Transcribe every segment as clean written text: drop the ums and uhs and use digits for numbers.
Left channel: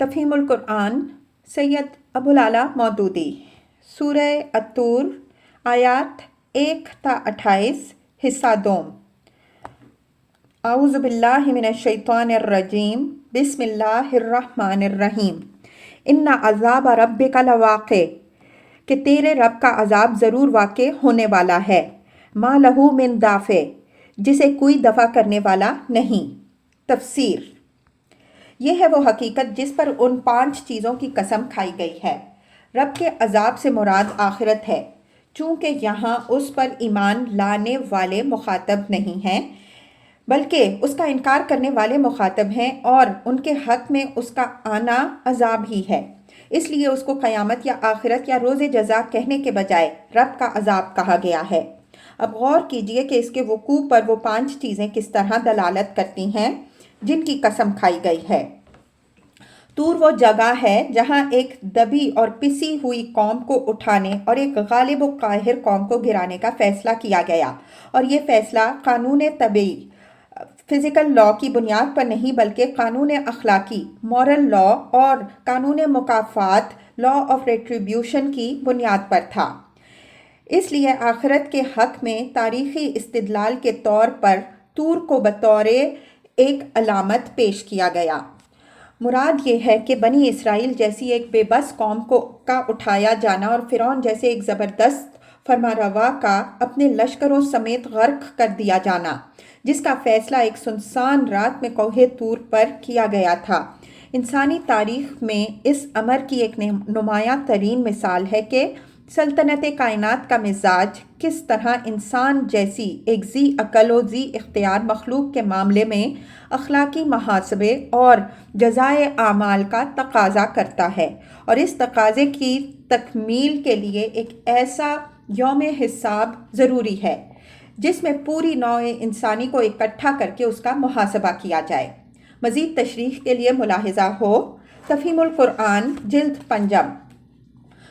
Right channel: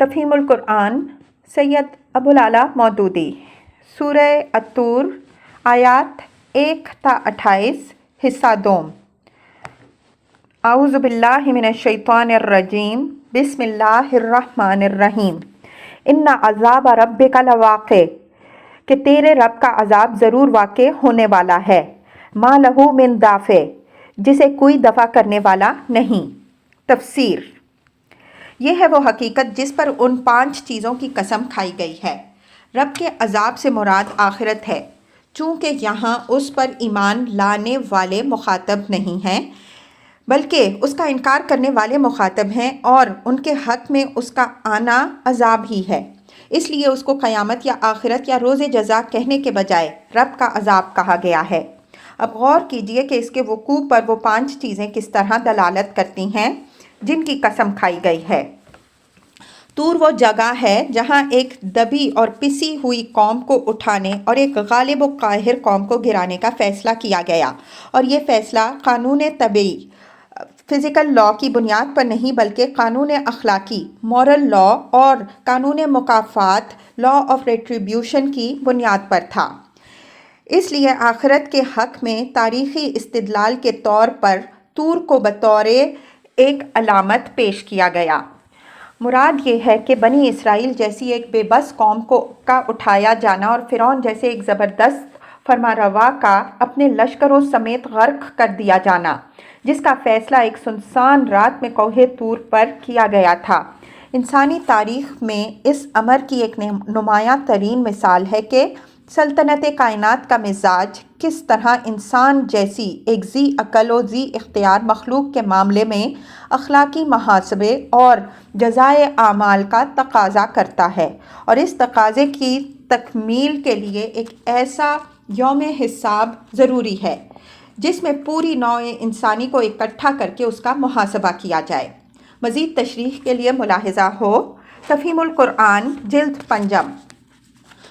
تفہیم القرآن سید ابوالعلا مودودی سورہ الطور آیات 1 تا 28 حصہ دوم۔ اعوذ باللہ من الشیطان الرجیم بسم اللہ الرحمن الرحیم۔ ان عذاب ربک لواقع، کہ تیرے رب کا عذاب ضرور واقع ہونے والا ہے۔ ما لہو من دافع، جسے کوئی دفع کرنے والا نہیں۔ تفسیر: یہ ہے وہ حقیقت جس پر ان 5 چیزوں کی قسم کھائی گئی ہے۔ رب کے عذاب سے مراد آخرت ہے، چونکہ یہاں اس پر ایمان لانے والے مخاطب نہیں ہیں بلکہ اس کا انکار کرنے والے مخاطب ہیں، اور ان کے حق میں اس کا آنا عذاب ہی ہے۔ اس لیے اس کو قیامت یا آخرت یا روز جزا کہنے کے بجائے رب کا عذاب کہا گیا ہے۔ اب غور کیجئے کہ اس کے وقوع پر وہ 5 چیزیں کس طرح دلالت کرتی ہیں جن کی قسم کھائی گئی ہے۔ طور وہ جگہ ہے جہاں ایک دبی اور پسی ہوئی قوم کو اٹھانے اور ایک غالب و قاہر قوم کو گرانے کا فیصلہ کیا گیا، اور یہ فیصلہ قانون طبعی فزیکل لا کی بنیاد پر نہیں بلکہ قانون اخلاقی مورل لا اور قانون مکافات لا آف ریٹریبیوشن کی بنیاد پر تھا۔ اس لیے آخرت کے حق میں تاریخی استدلال کے طور پر طور کو بطور ایک علامت پیش کیا گیا۔ مراد یہ ہے کہ بنی اسرائیل جیسی ایک بے بس قوم کا اٹھایا جانا اور فرعون جیسے ایک زبردست فرمانروا کا اپنے لشکروں سمیت غرق کر دیا جانا، جس کا فیصلہ ایک سنسان رات میں کوہ طور پر کیا گیا تھا، انسانی تاریخ میں اس امر کی ایک نمایاں ترین مثال ہے کہ سلطنت کائنات کا مزاج کس طرح انسان جیسی ایک ذی عقل و ذی اختیار مخلوق کے معاملے میں اخلاقی محاسبے اور جزائے اعمال کا تقاضا کرتا ہے، اور اس تقاضے کی تکمیل کے لیے ایک ایسا یوم حساب ضروری ہے جس میں پوری نوع انسانی کو اکٹھا کر کے اس کا محاسبہ کیا جائے۔ مزید تشریح کے لیے ملاحظہ ہو تفہیم القرآن جلد 5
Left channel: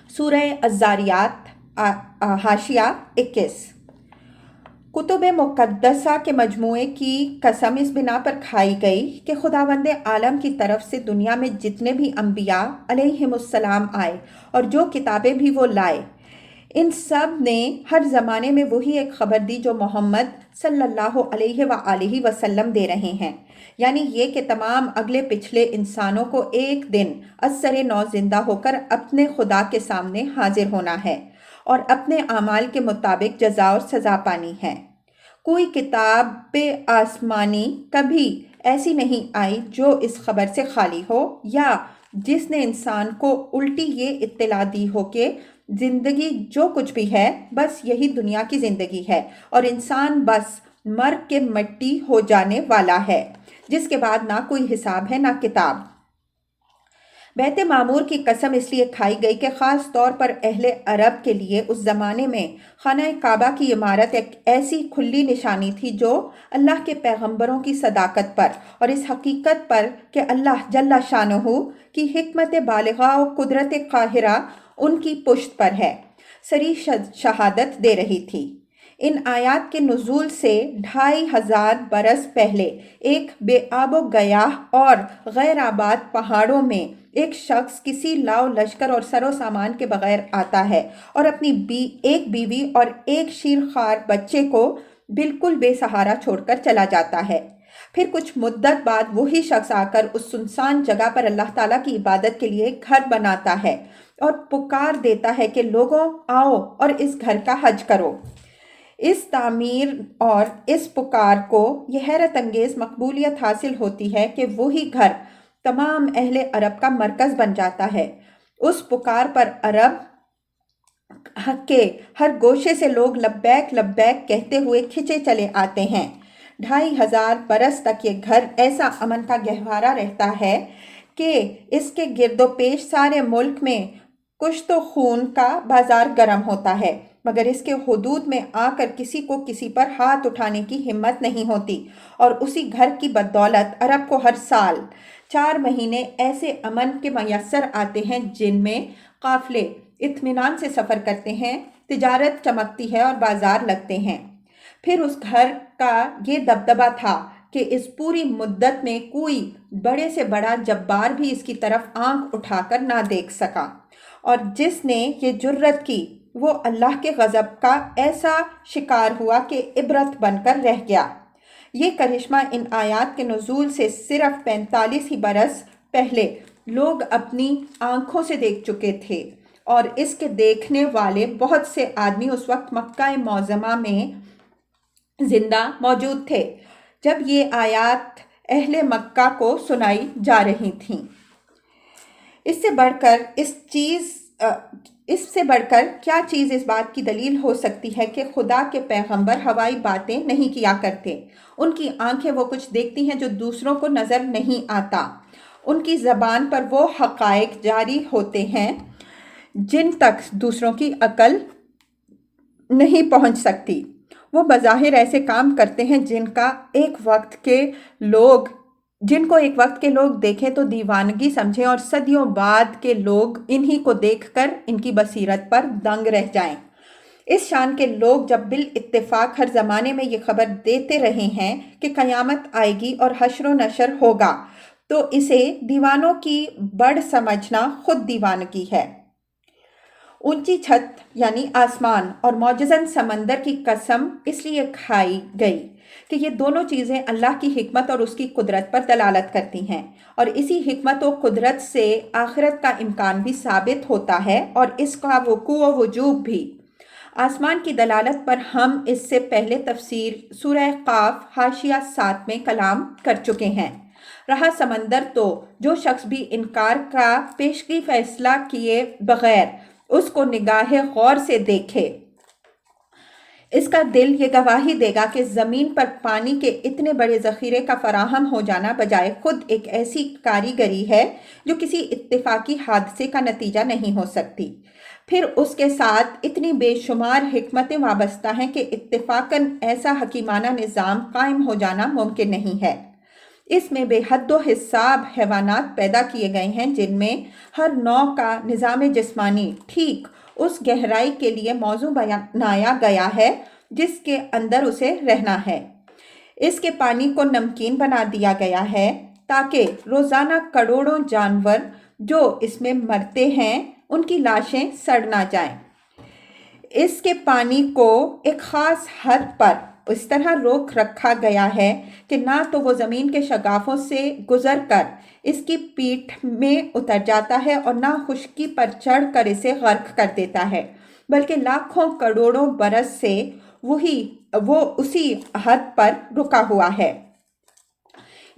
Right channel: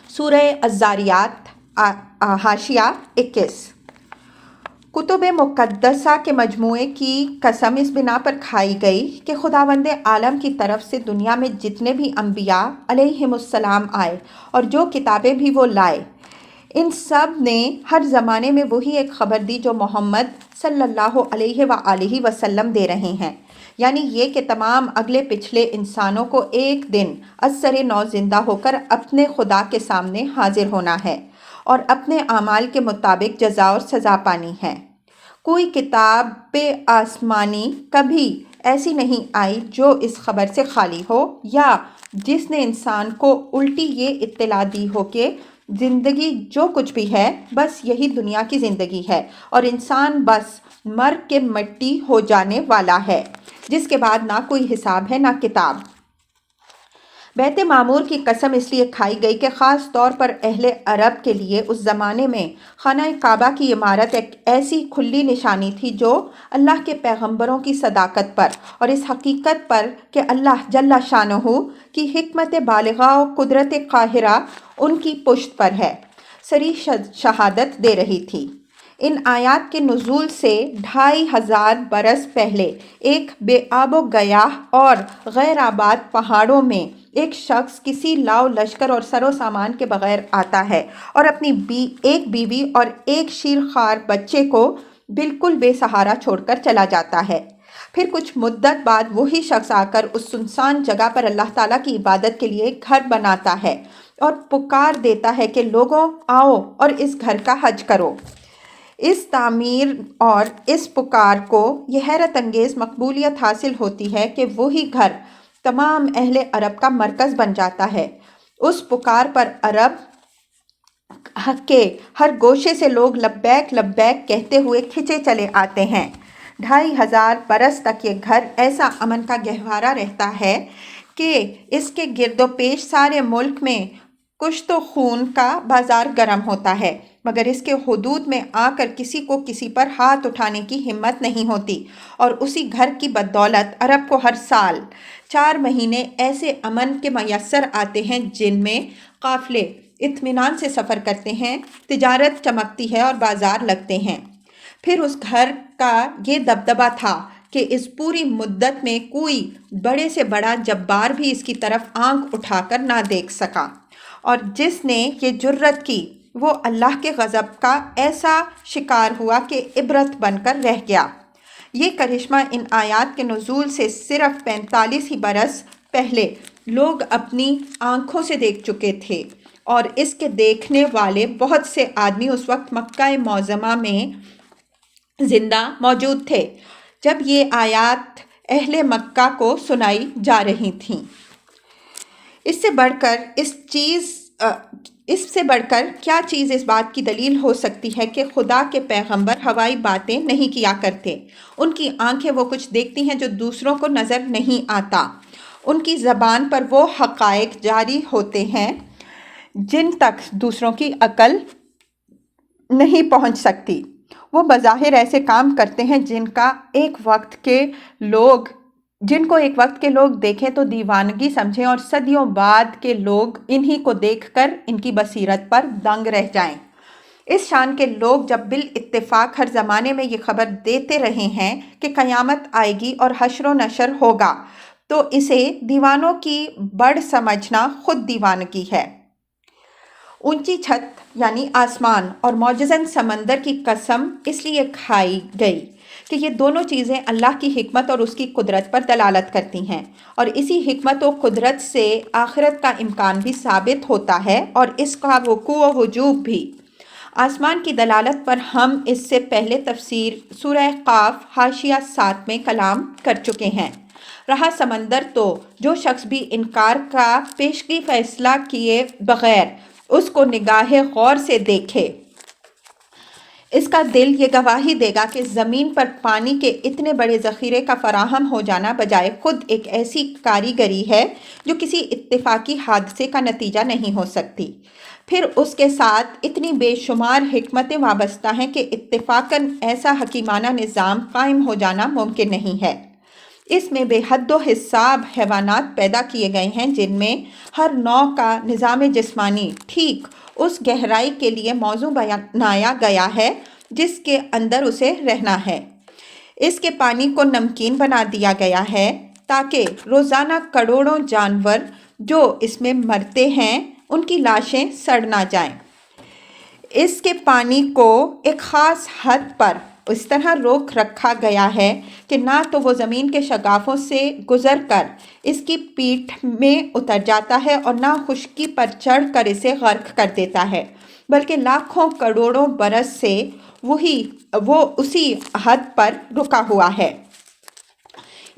سورہ الذاریات حاشیہ 21۔ کتب مقدسہ کے مجموعے کی قسم اس بنا پر کھائی گئی کہ خداوند عالم کی طرف سے دنیا میں جتنے بھی انبیاء علیہم السلام آئے اور جو کتابیں بھی وہ لائے، ان سب نے ہر زمانے میں وہی ایک خبر دی جو محمد صلی اللہ علیہ وآلہ وسلم دے رہے ہیں، یعنی یہ کہ تمام اگلے پچھلے انسانوں کو ایک دن ازسر نو زندہ ہو کر اپنے خدا کے سامنے حاضر ہونا ہے اور اپنے اعمال کے مطابق جزا اور سزا پانی ہے۔ کوئی کتاب آسمانی کبھی ایسی نہیں آئی جو اس خبر سے خالی ہو، یا جس نے انسان کو الٹی یہ اطلاع دی ہو کہ زندگی جو کچھ بھی ہے بس یہی دنیا کی زندگی ہے اور انسان بس مر کے مٹی ہو جانے والا ہے، جس کے بعد نہ کوئی حساب ہے نہ کتاب۔ بیت معمور کی قسم اس لیے کھائی گئی کہ خاص طور پر اہل عرب کے لیے اس زمانے میں خانہ کعبہ کی عمارت ایک ایسی کھلی نشانی تھی جو اللہ کے پیغمبروں کی صداقت پر اور اس حقیقت پر کہ اللہ جل شانہ کی حکمت بالغہ و قدرت قاہرہ ان کی پشت پر ہے، صریح شہادت دے رہی تھی۔ ان آیات کے نزول سے 2500 برس پہلے ایک بے آب و گیاہ اور غیر آباد پہاڑوں میں ایک شخص کسی لاؤ لشکر اور سر و سامان کے بغیر آتا ہے اور اپنی ایک بیوی اور ایک شیرخوار بچے کو بالکل بے سہارا چھوڑ کر چلا جاتا ہے۔ پھر کچھ مدت بعد وہی شخص آ کر اس سنسان جگہ پر اللہ تعالیٰ کی عبادت کے لیے ایک گھر بناتا ہے اور پکار دیتا ہے کہ لوگوں آؤ اور اس گھر کا حج کرو۔ اس تعمیر اور اس پکار کو یہ حیرت انگیز مقبولیت حاصل ہوتی ہے کہ وہی گھر تمام اہل عرب کا مرکز بن جاتا ہے۔ اس پکار پر عرب کے ہر گوشے سے لوگ لبیک لبیک کہتے ہوئے کھچے چلے آتے ہیں۔ 2500 برس تک یہ گھر ایسا امن کا گہوارہ رہتا ہے کہ اس کے گرد و پیش سارے ملک میں کشت و خون کا بازار گرم ہوتا ہے، مگر اس کے حدود میں آ کر کسی کو کسی پر ہاتھ اٹھانے کی ہمت نہیں ہوتی، اور اسی گھر کی بدولت عرب کو ہر سال 4 مہینے ایسے امن کے میسر آتے ہیں جن میں قافلے اطمینان سے سفر کرتے ہیں، تجارت چمکتی ہے اور بازار لگتے ہیں۔ پھر اس گھر کا یہ دبدبہ تھا کہ اس پوری مدت میں کوئی بڑے سے بڑا جبار بھی اس کی طرف آنکھ اٹھا کر نہ دیکھ سکا، اور جس نے یہ جرت کی وہ اللہ کے غضب کا ایسا شکار ہوا کہ عبرت بن کر رہ گیا۔ یہ کرشمہ ان آیات کے نزول سے صرف 45 ہی برس پہلے لوگ اپنی آنکھوں سے دیکھ چکے تھے، اور اس کے دیکھنے والے بہت سے آدمی اس وقت مکہ معظمہ میں زندہ موجود تھے جب یہ آیات اہل مکہ کو سنائی جا رہی تھیں۔ اس سے بڑھ کر کیا چیز اس بات کی دلیل ہو سکتی ہے کہ خدا کے پیغمبر ہوائی باتیں نہیں کیا کرتے؟ ان کی آنکھیں وہ کچھ دیکھتی ہیں جو دوسروں کو نظر نہیں آتا، ان کی زبان پر وہ حقائق جاری ہوتے ہیں جن تک دوسروں کی عقل نہیں پہنچ سکتی، وہ بظاہر ایسے کام کرتے ہیں جن کو ایک وقت کے لوگ دیکھیں تو دیوانگی سمجھیں، اور صدیوں بعد کے لوگ انہی کو دیکھ کر ان کی بصیرت پر دنگ رہ جائیں۔ اس شان کے لوگ جب بالاتفاق ہر زمانے میں یہ خبر دیتے رہے ہیں کہ قیامت آئے گی اور حشر و نشر ہوگا، تو اسے دیوانوں کی بڑھ سمجھنا خود دیوانگی ہے۔ اونچی چھت یعنی آسمان اور معجزن سمندر کی قسم اس لیے کھائی گئی کہ یہ دونوں چیزیں اللہ کی حکمت اور اس کی قدرت پر دلالت کرتی ہیں، اور اسی حکمت و قدرت سے آخرت کا امکان بھی ثابت ہوتا ہے اور اس کا وقوع و وجوب بھی۔ آسمان کی دلالت پر ہم اس سے پہلے تفسیر سورہ قاف حاشیہ 7 میں کلام کر چکے ہیں۔ رہا سمندر، تو جو شخص بھی انکار کا پیشگی فیصلہ کیے بغیر اس کو نگاہ غور سے دیکھے، اس کا دل یہ گواہی دے گا کہ زمین پر پانی کے اتنے بڑے ذخیرے کا فراہم ہو جانا بجائے خود ایک ایسی کاریگری ہے جو کسی اتفاقی حادثے کا نتیجہ نہیں ہو سکتی۔ پھر اس کے ساتھ اتنی بے شمار حکمتیں وابستہ ہیں کہ اتفاقاً ایسا حکیمانہ نظام قائم ہو جانا ممکن نہیں ہے۔ اس میں بے حد و حساب حیوانات پیدا کیے گئے ہیں جن میں ہر نوع کا نظام جسمانی ٹھیک اس گہرائی کے لیے موزوں بنایا گیا ہے جس کے اندر اسے رہنا ہے۔ اس کے پانی کو نمکین بنا دیا گیا ہے تاکہ روزانہ کروڑوں جانور جو اس میں مرتے ہیں ان کی لاشیں سڑ نہ جائیں۔ اس کے پانی کو ایک خاص حد پر اس طرح روک رکھا گیا ہے کہ نہ تو وہ زمین کے شگافوں سے گزر کر اس کی پیٹھ میں اتر جاتا ہے اور نہ خشکی پر چڑھ کر اسے غرق کر دیتا ہے، بلکہ لاکھوں کروڑوں برس سے وہ اسی حد پر رکا ہوا ہے۔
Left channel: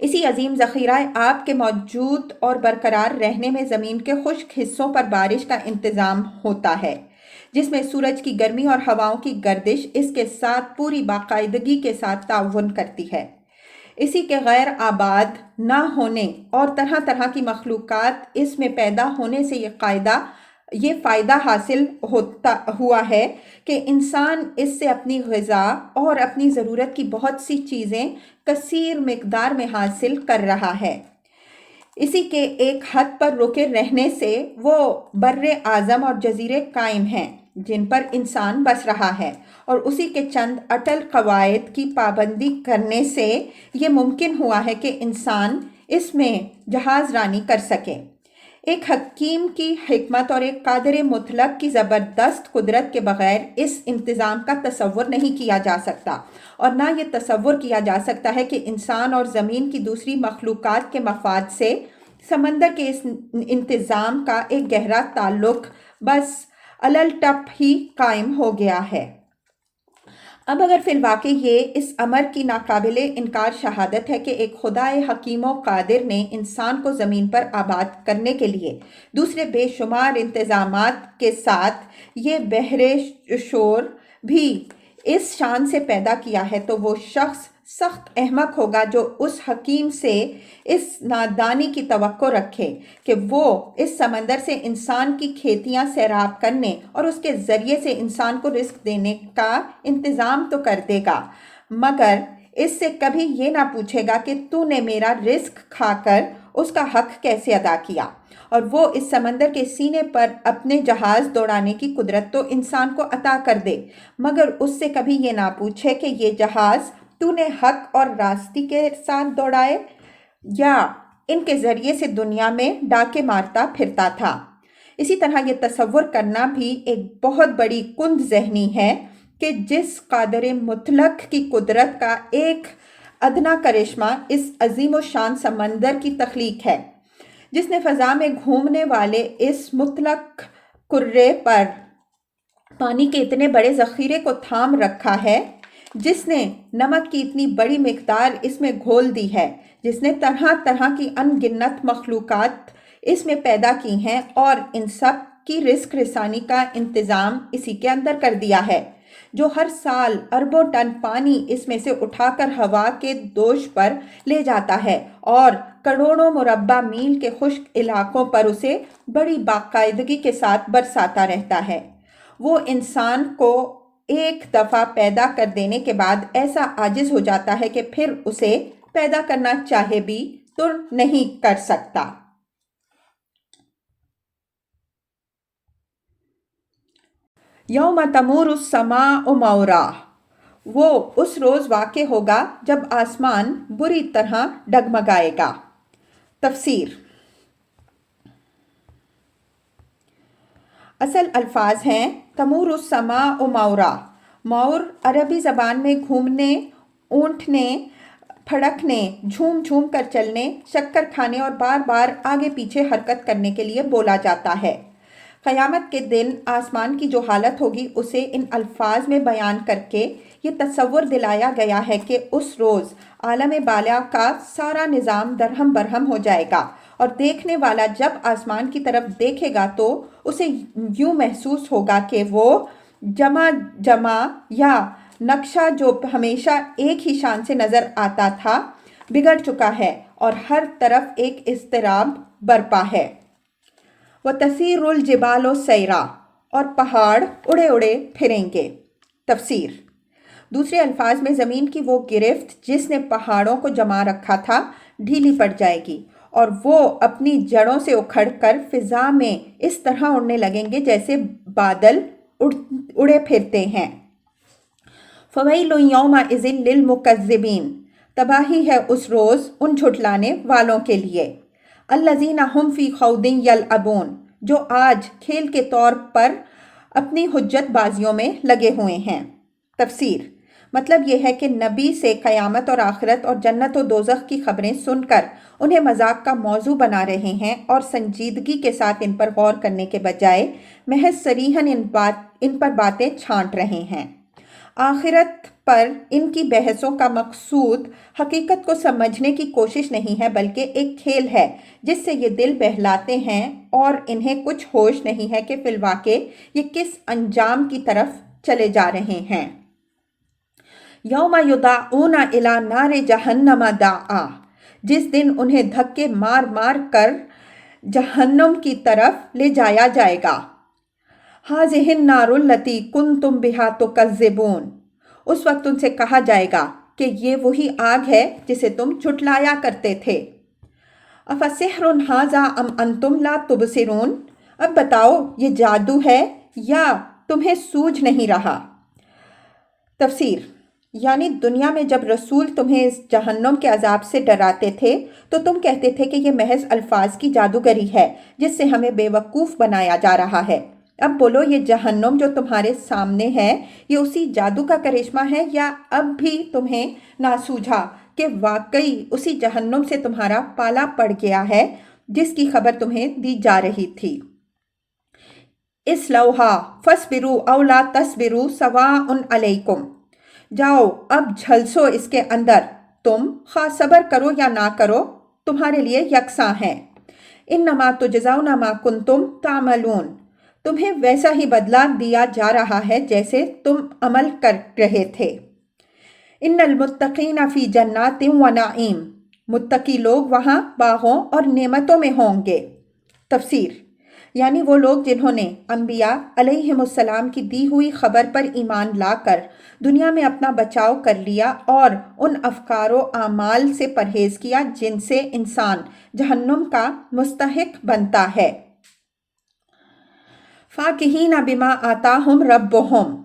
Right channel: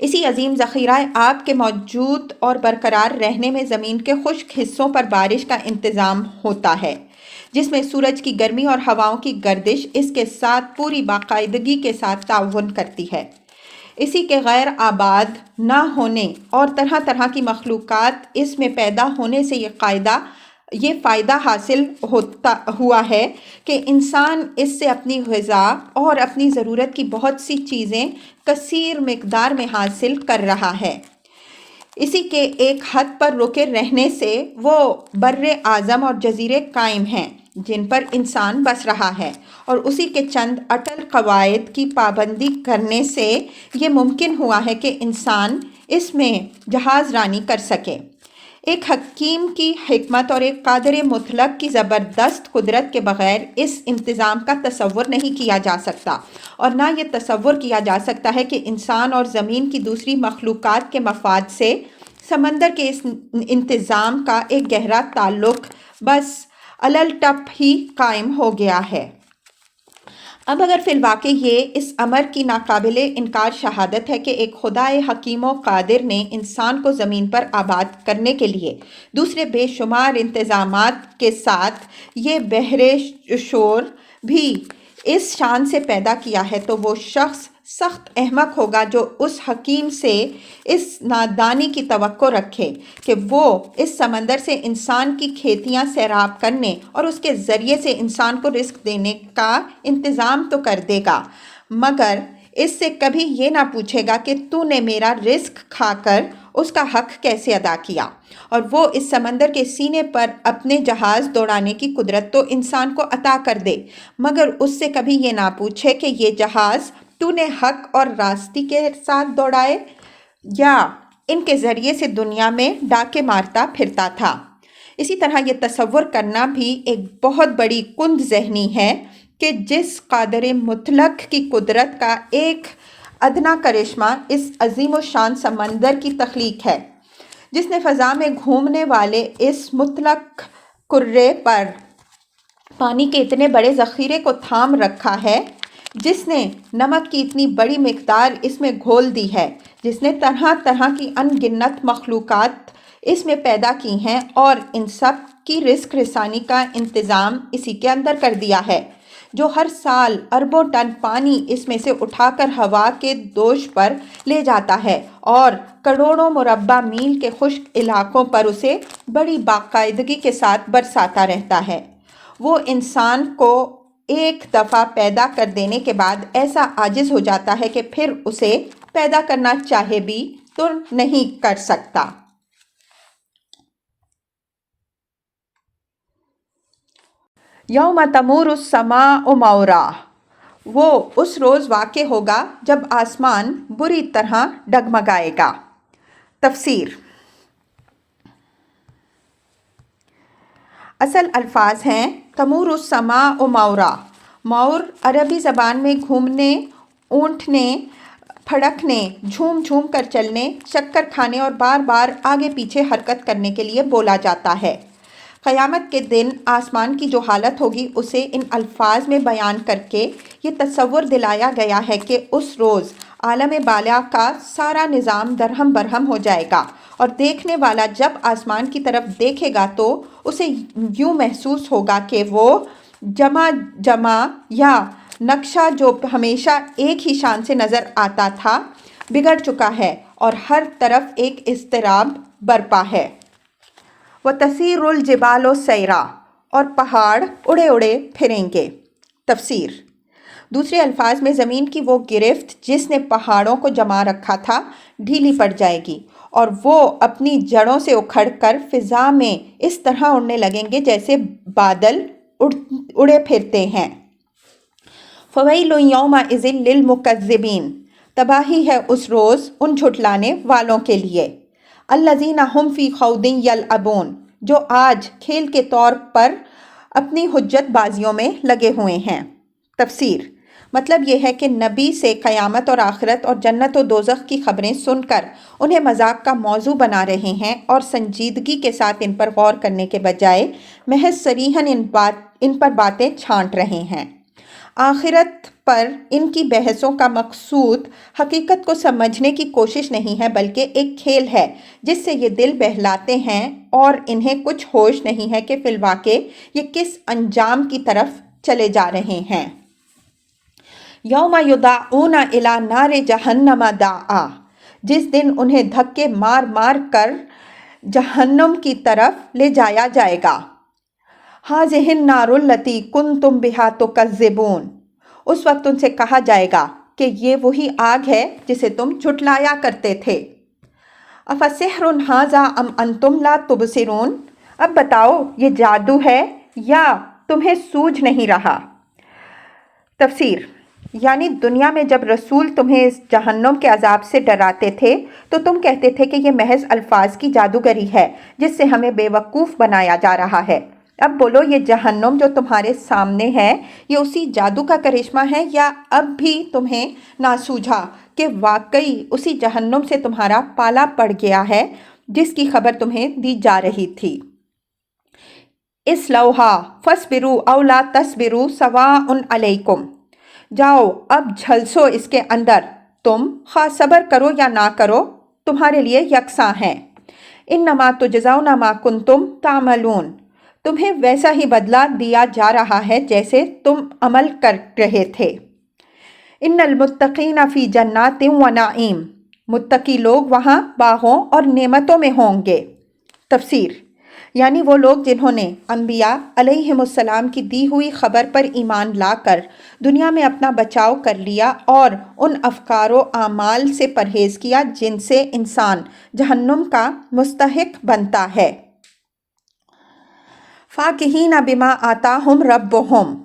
اسی عظیم ذخیرہ آب کے موجود اور برقرار رہنے میں زمین کے خشک حصوں پر بارش کا انتظام ہوتا ہے، جس میں سورج کی گرمی اور ہواؤں کی گردش اس کے ساتھ پوری باقاعدگی کے ساتھ تعاون کرتی ہے۔ اسی کے غیر آباد نہ ہونے اور طرح طرح کی مخلوقات اس میں پیدا ہونے سے یہ فائدہ حاصل ہوا ہے کہ انسان اس سے اپنی غذا اور اپنی ضرورت کی بہت سی چیزیں کثیر مقدار میں حاصل کر رہا ہے۔ اسی کے ایک حد پر رکے رہنے سے وہ بر اعظم اور جزیرے قائم ہیں جن پر انسان بس رہا ہے، اور اسی کے چند اٹل قواعد کی پابندی کرنے سے یہ ممکن ہوا ہے کہ انسان اس میں جہاز رانی کر سکے۔ ایک حکیم کی حکمت اور ایک قادر مطلق کی زبردست قدرت کے بغیر اس انتظام کا تصور نہیں کیا جا سکتا، اور نہ یہ تصور کیا جا سکتا ہے کہ انسان اور زمین کی دوسری مخلوقات کے مفاد سے سمندر کے اس انتظام کا ایک گہرا تعلق بس الٹپ ہی قائم ہو گیا ہے۔ اب اگر فی الواقع یہ اس امر کی ناقابل انکار شہادت ہے کہ ایک خدائے حکیم و قادر نے انسان کو زمین پر آباد کرنے کے لیے دوسرے بے شمار انتظامات کے ساتھ یہ بحر شور بھی اس شان سے پیدا کیا ہے، تو وہ شخص سخت احمق ہوگا جو اس حکیم سے اس نادانی کی توقع رکھے کہ وہ اس سمندر سے انسان کی کھیتیاں سیراب کرنے اور اس کے ذریعے سے انسان کو رزق دینے کا انتظام تو کر دے گا، مگر اس سے کبھی یہ نہ پوچھے گا کہ تو نے میرا رزق کھا کر اس کا حق کیسے ادا کیا۔ اور وہ اس سمندر کے سینے پر اپنے جہاز دوڑانے کی قدرت تو انسان کو عطا کر دے، مگر اس سے کبھی یہ نہ پوچھے کہ یہ جہاز تو نے حق اور راستی کے ساتھ دوڑائے یا ان کے ذریعے سے دنیا میں ڈاکے مارتا پھرتا تھا؟ اسی طرح یہ تصور کرنا بھی ایک بہت بڑی کند ذہنی ہے کہ جس قادر مطلق کی قدرت کا ایک ادنا کرشمہ اس عظیم و شان سمندر کی تخلیق ہے، جس نے فضا میں گھومنے والے اس مطلق کرے پر پانی کے اتنے بڑے ذخیرے کو تھام رکھا ہے، جس نے نمک کی اتنی بڑی مقدار اس میں گھول دی ہے، جس نے طرح طرح کی ان گنت مخلوقات اس میں پیدا کی ہیں اور ان سب کی رزق رسانی کا انتظام اسی کے اندر کر دیا ہے، جو ہر سال اربوں ٹن پانی اس میں سے اٹھا کر ہوا کے دوش پر لے جاتا ہے اور کروڑوں مربع میل کے خشک علاقوں پر اسے بڑی باقاعدگی کے ساتھ برساتا رہتا ہے۔ وہ انسان کو ایک دفعہ پیدا کر دینے کے بعد ایسا عاجز ہو جاتا ہے کہ پھر اسے پیدا کرنا چاہے بھی تو نہیں کر سکتا۔ یوم تمور السماء مورا، وہ اس روز واقع ہوگا جب آسمان بری طرح ڈگمگائے گا۔ تفسیر۔ اصل الفاظ ہیں تمور السماء مورا۔ مور عربی زبان میں گھومنے، اونٹنے، پھڑکنے، جھوم جھوم کر چلنے، چکر کھانے اور بار بار آگے پیچھے حرکت کرنے کے لیے بولا جاتا ہے۔ قیامت کے دن آسمان کی جو حالت ہوگی اسے ان الفاظ میں بیان کر کے یہ تصور دلایا گیا ہے کہ اس روز عالم بالا کا سارا نظام درہم برہم ہو جائے گا اور دیکھنے والا جب آسمان کی طرف دیکھے گا تو اسے یوں محسوس ہوگا کہ وہ جمع یا نقشہ جو ہمیشہ ایک ہی شان سے نظر آتا تھا بگڑ چکا ہے اور ہر طرف ایک اضطراب برپا ہے۔ وَتَسِيرُ الْجِبَالُ سَيْرًا، اور پہاڑ اڑے اڑے پھریں گے۔ تفسیر۔ دوسرے الفاظ میں زمین کی وہ گرفت جس نے پہاڑوں کو جما رکھا تھا ڈھیلی پڑ جائے گی اور وہ اپنی جڑوں سے اکھڑ کر فضا میں اس طرح اڑنے لگیں گے جیسے بادل اڑے پھرتے ہیں۔ فَوَيْلٌ يَوْمَئِذٍ لِّلْمُكَذِّبِينَ، تباہی ہے اس روز ان جھٹلانے والوں کے لیے۔ الَّذِينَ هُمْ فِي خَوْضٍ يَلْعَبُونَ، جو آج کھیل کے طور پر اپنی حجت بازیوں میں لگے ہوئے ہیں۔ تفسیر۔ مطلب یہ ہے کہ نبی سے قیامت اور آخرت اور جنت و دوزخ کی خبریں سن کر انہیں مذاق کا موضوع بنا رہے ہیں اور سنجیدگی کے ساتھ ان پر غور کرنے کے بجائے محض صریحاً ان پر باتیں چھانٹ رہے ہیں۔ آخرت پر ان کی بحثوں کا مقصود حقیقت کو سمجھنے کی کوشش نہیں ہے بلکہ ایک کھیل ہے جس سے یہ دل بہلاتے ہیں اور انہیں کچھ ہوش نہیں ہے کہ فی الواقع یہ کس انجام کی طرف چلے جا رہے ہیں۔ یوم یدعون الی نار جہنم دعا، جس دن انہیں دھکے مار مار کر جہنم کی طرف لے جایا جائے گا۔ ہذہ النار التی کنتم بہا تکذبون، اس وقت ان سے کہا جائے گا کہ یہ وہی آگ ہے جسے تم جھٹلایا کرتے تھے۔ افسحر ھذا ام انتم لا تبصرون، اب بتاؤ یہ جادو ہے یا تمہیں سوجھ نہیں رہا؟ تفسیر۔ یعنی دنیا میں جب رسول تمہیں اس جہنم کے عذاب سے ڈراتے تھے تو تم کہتے تھے کہ یہ محض الفاظ کی جادوگری ہے جس سے ہمیں بے وقوف بنایا جا رہا ہے۔ اب بولو یہ جہنم جو تمہارے سامنے ہے یہ اسی جادو کا کرشمہ ہے یا اب بھی تمہیں نہ سوجھا کہ واقعی اسی جہنم سے تمہارا پالا پڑ گیا ہے جس کی خبر تمہیں دی جا رہی تھی۔ اصلوہا فاصبروا او لا تصبروا سواء علیکم، جاؤ اب جھلسو اس کے اندر، تم خواہ صبر کرو یا نہ کرو تمہارے لیے یکساں ہیں۔ انما تجزون ما کنتم تعملون، تمہیں ویسا ہی بدلہ دیا جا رہا ہے جیسے تم عمل کر رہے تھے۔ ان المتقین فی جنات و نعیم، متقی لوگ وہاں باغوں اور نعمتوں میں ہوں گے۔ تفسیر۔ یعنی وہ لوگ جنہوں نے انبیاء علیہم السلام کی دی ہوئی خبر پر ایمان لا کر دنیا میں اپنا بچاؤ کر لیا اور ان افکار و اعمال سے پرہیز کیا جن سے انسان جہنم کا مستحق بنتا ہے۔ فاکہین بما آتاہم ربہم،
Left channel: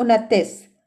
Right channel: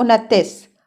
29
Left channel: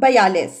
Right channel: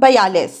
42।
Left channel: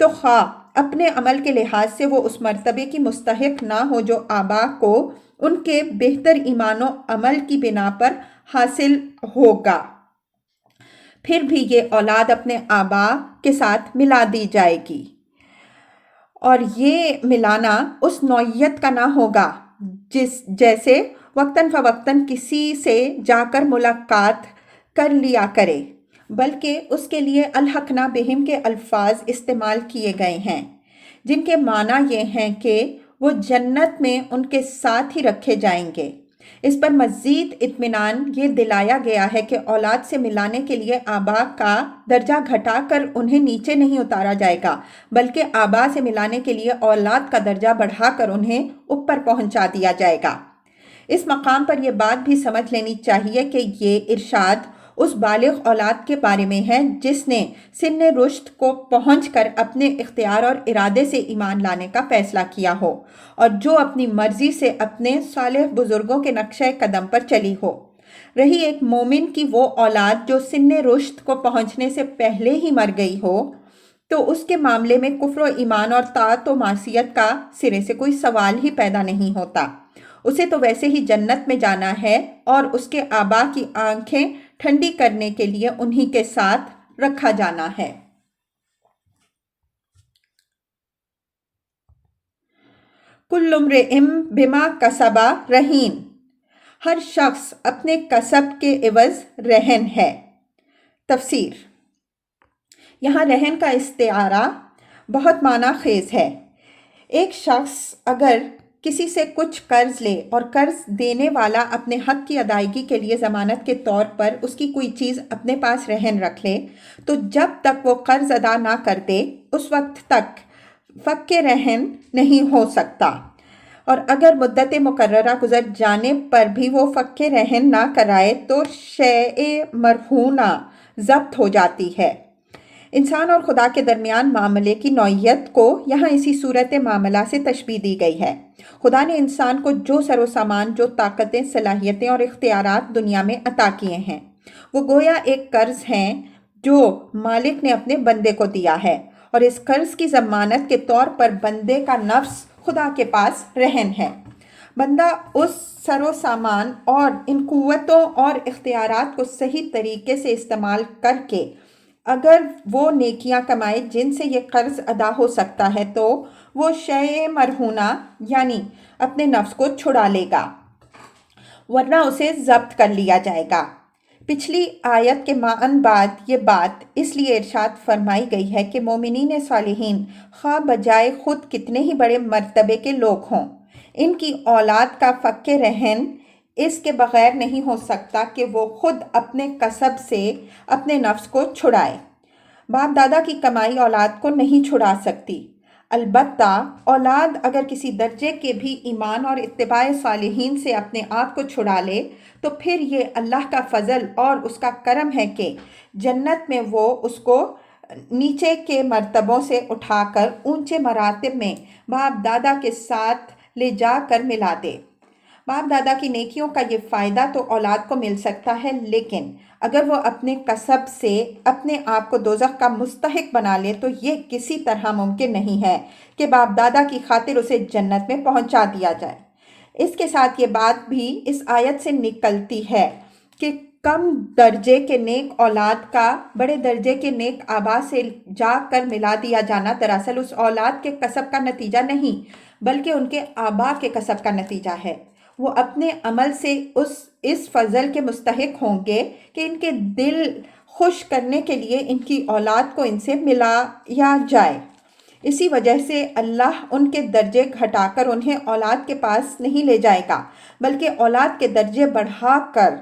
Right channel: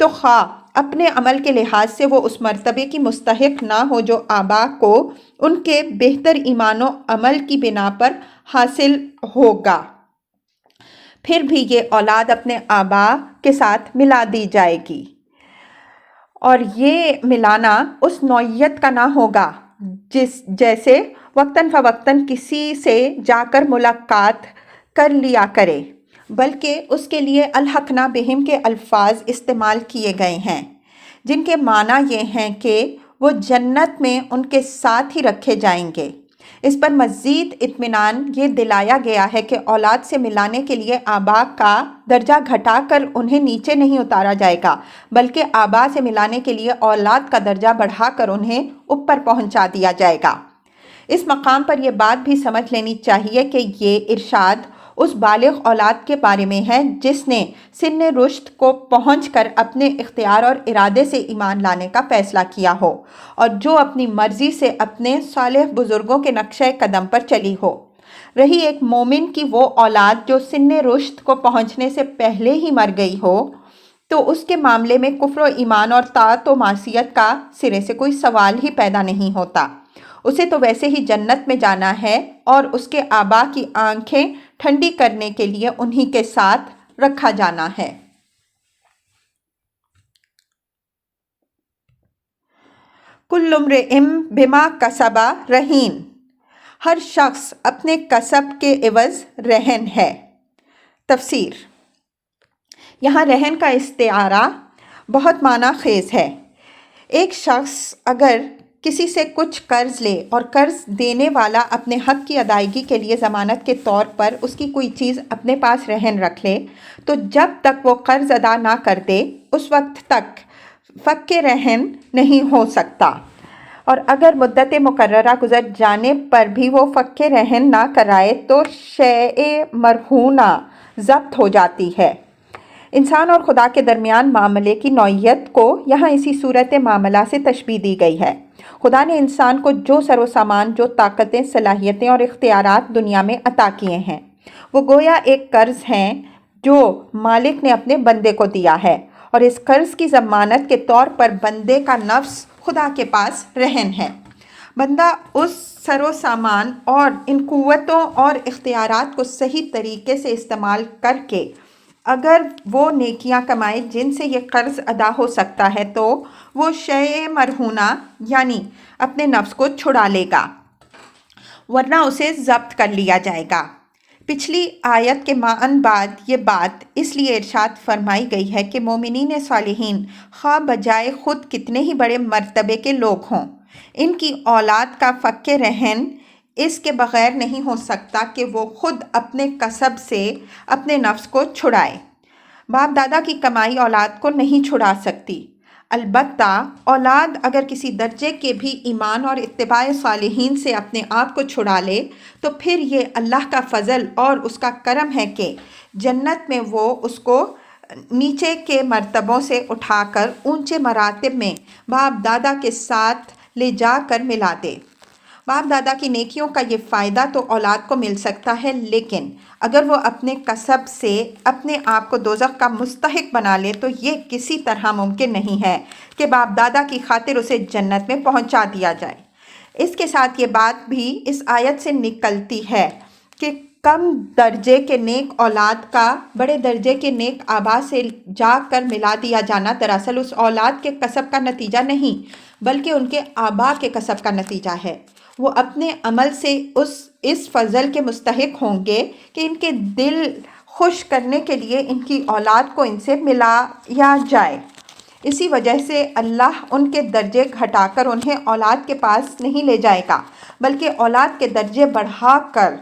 تو خواہ اپنے عمل کے لحاظ سے وہ اس مرتبے کی مستحق نہ ہو جو آبا کو ان کے بہتر ایمان و عمل کی بنا پر حاصل ہوگا، پھر بھی یہ اولاد اپنے آبا کے ساتھ ملا دی جائے گی، اور یہ ملانا اس نوعیت کا نہ ہوگا جیسے وقتاً فوقتاً کسی سے جا کر ملاقات کر لیا کرے، بلکہ اس کے لیے الحقنا بہم کے الفاظ استعمال کیے گئے ہیں، جن کے معنی یہ ہیں کہ وہ جنت میں ان کے ساتھ ہی رکھے جائیں گے۔ اس پر مزید اطمینان یہ دلایا گیا ہے کہ اولاد سے ملانے کے لیے آبا کا درجہ گھٹا کر انہیں نیچے نہیں اتارا جائے گا، بلکہ آبا سے ملانے کے لیے اولاد کا درجہ بڑھا کر انہیں اوپر پہنچا دیا جائے گا۔ اس مقام پر یہ بات بھی سمجھ لینی چاہیے کہ یہ ارشاد اس بالغ اولاد کے بارے میں ہے جس نے سن رشد کو پہنچ کر اپنے اختیار اور ارادے سے ایمان لانے کا فیصلہ کیا ہو، اور جو اپنی مرضی سے اپنے صالح بزرگوں کے نقشہ قدم پر چلی ہو۔ رہی ایک مومن کی وہ اولاد جو سن رشد کو پہنچنے سے پہلے ہی مر گئی ہو، تو اس کے معاملے میں کفر و ایمان اور طاعت و معصیت کا سرے سے کوئی سوال ہی پیدا نہیں ہوتا۔ اسے تو ویسے ہی جنت میں جانا ہے، اور اس کے آبا کی آنکھیں ٹھنڈی کرنے کے لیے انہی کے ساتھ رکھا جانا ہے۔ کل امرئ بما کسب رہین، ہر شخص اپنے کسب کے عوض رہن ہے۔ تفسیر۔ یہاں رہن کا استعارہ بہت معنی خیز ہے۔ ایک شخص اگر کسی سے کچھ قرض لے اور قرض دینے والا اپنے حق کی ادائیگی کے لیے ضمانت کے طور پر اس کی کوئی چیز اپنے پاس رہن رکھ لے، تو جب تک وہ قرض ادا نہ کر دے اس وقت تک فک رہن نہیں ہو سکتا، اور اگر مدت مقررہ گزر جانے پر بھی وہ فک رہن نہ کرائے تو شیء مرہونہ ضبط ہو جاتی ہے۔ انسان اور خدا کے درمیان معاملے کی نوعیت کو یہاں اسی صورت معاملہ سے تشبیہ دی گئی ہے۔ خدا نے انسان کو جو سر و سامان، جو طاقتیں، صلاحیتیں اور اختیارات دنیا میں عطا کیے ہیں، وہ گویا ایک قرض ہیں جو مالک نے اپنے بندے کو دیا ہے، اور اس قرض کی ضمانت کے طور پر بندے کا نفس خدا کے پاس رہن ہے۔ بندہ اس سر و سامان اور ان قوتوں اور اختیارات کو صحیح طریقے سے استعمال کر کے اگر وہ نیکیاں کمائے جن سے یہ قرض ادا ہو سکتا ہے، تو وہ شیء مرہونہ یعنی اپنے نفس کو چھڑا لے گا، ورنہ اسے ضبط کر لیا جائے گا۔ پچھلی آیت کے معنی بعد یہ بات اس لیے ارشاد فرمائی گئی ہے کہ مومنین صالحین خواہ بجائے خود کتنے ہی بڑے مرتبے کے لوگ ہوں، ان کی اولاد کا فک رہن اس کے بغیر نہیں ہو سکتا کہ وہ خود اپنے کسب سے اپنے نفس کو چھڑائے۔ باپ دادا کی کمائی اولاد کو نہیں چھڑا سکتی، البتہ اولاد اگر کسی درجے کے بھی ایمان اور اتباع صالحین سے اپنے آپ کو چھڑا لے تو پھر یہ اللہ کا فضل اور اس کا کرم ہے کہ جنت میں وہ اس کو نیچے کے مرتبوں سے اٹھا کر اونچے مراتب میں باپ دادا کے ساتھ لے جا کر ملا دے۔ باپ دادا کی نیکیوں کا یہ فائدہ تو اولاد کو مل سکتا ہے، لیکن اگر وہ اپنے کسب سے اپنے آپ کو دوزخ کا مستحق بنا لے تو یہ کسی طرح ممکن نہیں ہے کہ باپ دادا کی خاطر اسے جنت میں پہنچا دیا جائے۔ اس کے ساتھ یہ بات بھی اس آیت سے نکلتی ہے کہ کم درجے کے نیک اولاد کا بڑے درجے کے نیک آبا سے جا کر ملا دیا جانا دراصل اس اولاد کے کسب کا نتیجہ نہیں بلکہ ان کے آبا کے کسب کا نتیجہ ہے۔ وہ اپنے عمل سے اس فضل کے مستحق ہوں گے کہ ان کے دل خوش کرنے کے لیے ان کی اولاد کو ان سے ملایا جائے۔ اسی وجہ سے اللہ ان کے درجے گھٹا کر انہیں اولاد کے پاس نہیں لے جائے گا بلکہ اولاد کے درجے بڑھا کر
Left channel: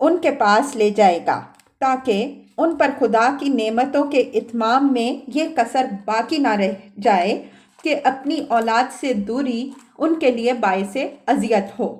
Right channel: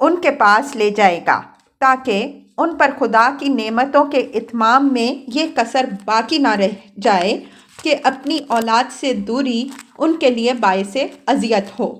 ان کے پاس لے جائے گا، تاکہ ان پر خدا کی نعمتوں کے اتمام میں یہ کسر باقی نہ رہ جائے کہ اپنی اولاد سے دوری ان کے لیے باعث اذیت ہو۔